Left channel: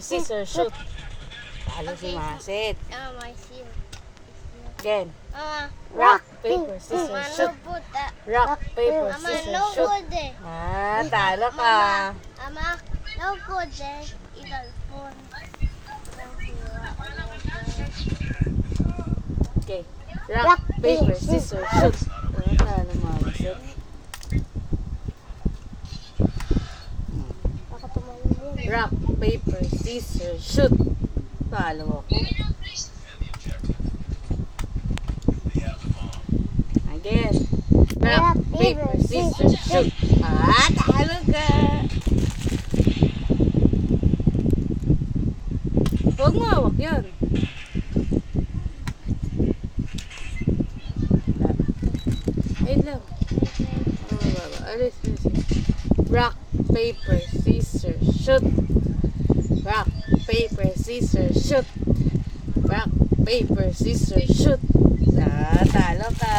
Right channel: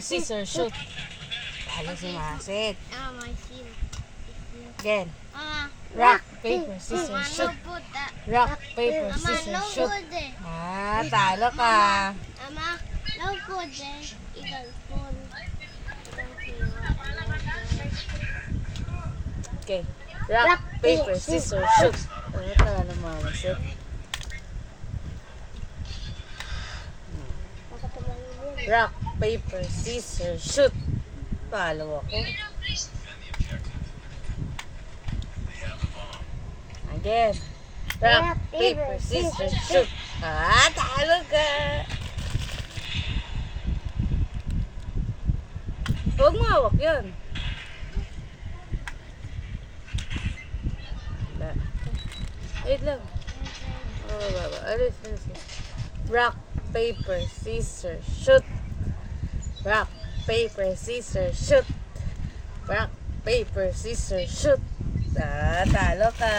Scissors, shoot. Talo si Masit. My seal. Again. Rock, Paper, scissors, Mama, shoot. no put that. Rock, paper, Mama, scissors, no shoot. good there. Ah, talo ka. Mama, no good there. Eagle phone. Okay. Rock, paper, scissors, shoot. Ah, talo Masit. Rock, paper, scissors, shoot. Talo ako. Again. Rock, paper, scissors, shoot. Ah, talo ka. Huwag mawak yan. Wait lang. Alis. Rock, paper, scissors, shoot. Rock, paper, scissors, shoot. Rock, paper, scissors, shoot. Ah, talo ka.